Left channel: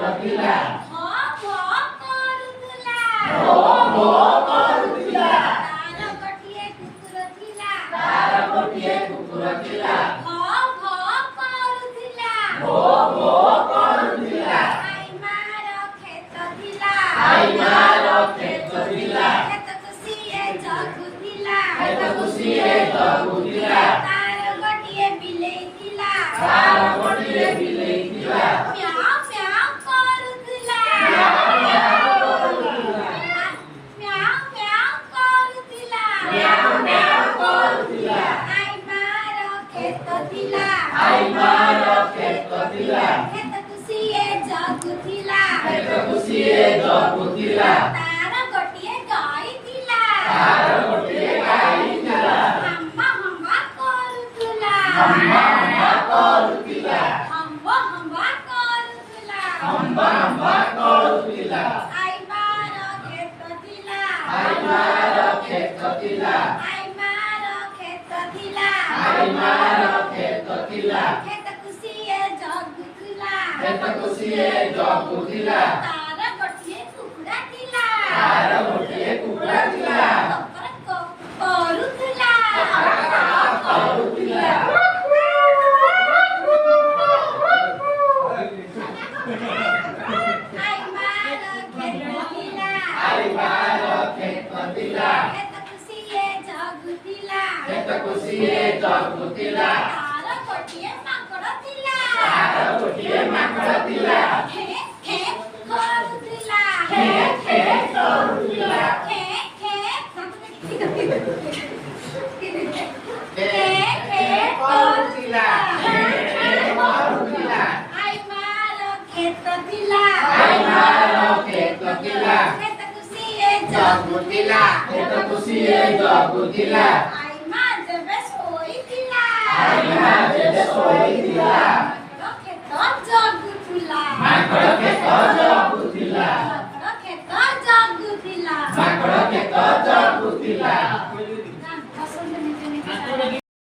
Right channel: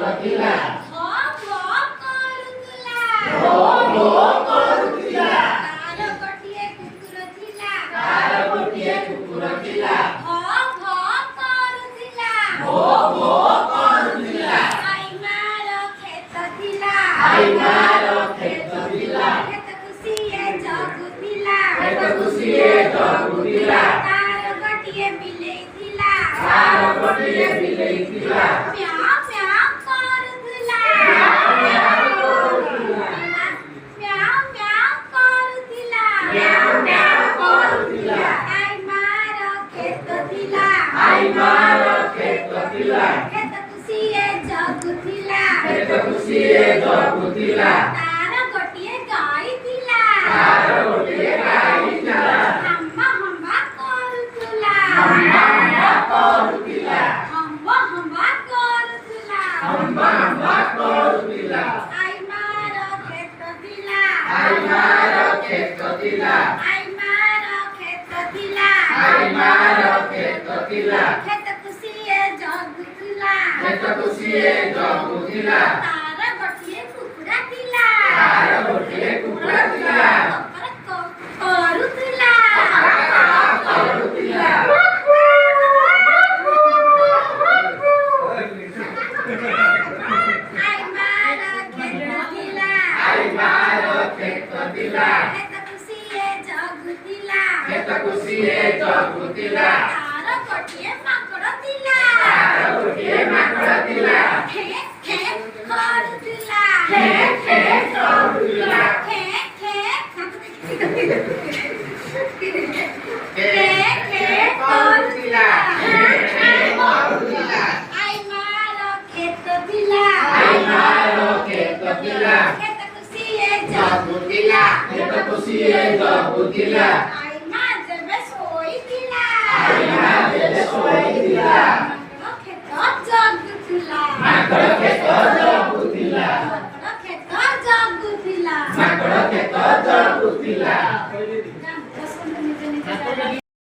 କରୁଥିଲା ଭୋ ଭୋ କରୁଥିଲା ତାର ଗୋଟିଏ କୁକୁର ଥିଲା ଭୋ ଭୋ କରୁଥିଲା ଭୋ ଭୋ କରୁଥିଲା ଆଇ ମାର କ୍ଷେତ ଥିଲା କ୍ଷେତକୁ ସିଏ ଜଗୁଥିଲା କ୍ଷେତକୁ ସିଏ ଜଗୁଥିଲା ତାର ଗୋଟିଏ ବିଲେଇ ଥିଲା ତାର ଗୋଟିଏ ବିଲେଇ ଥିଲା ମ୍ୟାଉ ମ୍ୟାଉ କରୁଥିଲା ମ୍ୟାଉ ମ୍ୟାଉ କରୁଥିଲା ମ୍ୟାଉ ମ୍ୟାଉ କରୁଥିଲା ଆଇ ମାର କ୍ଷେତ ଥିଲା ଆଇ ମାର କ୍ଷେତ ଥିଲା କ୍ଷେତକୁ ସିଏ ଜଗୁଥିଲା କ୍ଷେତକୁ ସିଏ ଜଗୁଥିଲା ତାର ଗୋଟିଏ ଗାଈ ଥିଲା ତାର ଗୋଟିଏ ଗାଈ ଥିଲା ହମ୍ବା ହମ୍ବା କରୁଥିଲା ହମ୍ବା ହମ୍ବା କରୁଥିଲା ହମ୍ବା ହମ୍ବା କରୁଥିଲା ହମ୍ବା ହମ୍ବା କରୁଥିଲା ଆଇ ମାର କ୍ଷେତ ଥିଲା ଆଇ ମାର କ୍ଷେତ ଥିଲା ଆଇ ମାର କ୍ଷେତ ଥିଲା ଆଇ ମାର କ୍ଷେତ ଥିଲା କ୍ଷେତକୁ ସିଏ ଜଗୁଥିଲା କ୍ଷେତକୁ ସିଏ ଜଗୁଥିଲା ତାର ଗୋଟିଏ କୁକୁଡ଼ା ଥିଲା ତାର ଗୋଟିଏ କୁକୁଡ଼ା ଥିଲା କରୁଥିଲା କରୁଥିଲା ଆଇ ମାର କ୍ଷେତ ଥିଲା ଆଇ ମାର କ୍ଷେତ ଥିଲା କ୍ଷେତକୁ ସିଏ ଜଗୁଥିଲା କ୍ଷେତକୁ ସିଏ ଜଗୁଥିଲା ତାର ଗୋଟିଏ ମାଙ୍କଡ଼ ଥିଲା ତାର ଗୋଟିଏ ମାଙ୍କଡ଼ ଥିଲା ହେ ହେ କରୁଥିଲା ହେ ହେ କରୁଥିଲା ହେ ହେ ହେ କରୁଥିଲା ହେ ହେ କରୁଥିଲା ଆଇ ମାର କ୍ଷେତ ଥିଲା ଆଇ ମାର କ୍ଷେତ ଥିଲା କ୍ଷେତକୁ ସିଏ ଜଗୁଥିଲା କ୍ଷେତକୁ ସିଏ ଜଗୁଥିଲା ଆଇ ମା ଯେବେ ଶୋଇଥିଲା ଆଇ ମା ଯେବେ ଶୋଇଥିଲା କ୍ଷେତ ଜଗୁଥିଲା ମାଙ୍କଡ଼ କ୍ଷେତ ଜଗୁଥିଲା କ୍ଷେତ ଜଗୁଥିଲା ମାଙ୍କଡ଼ କ୍ଷେତ ଜଗୁଥିଲା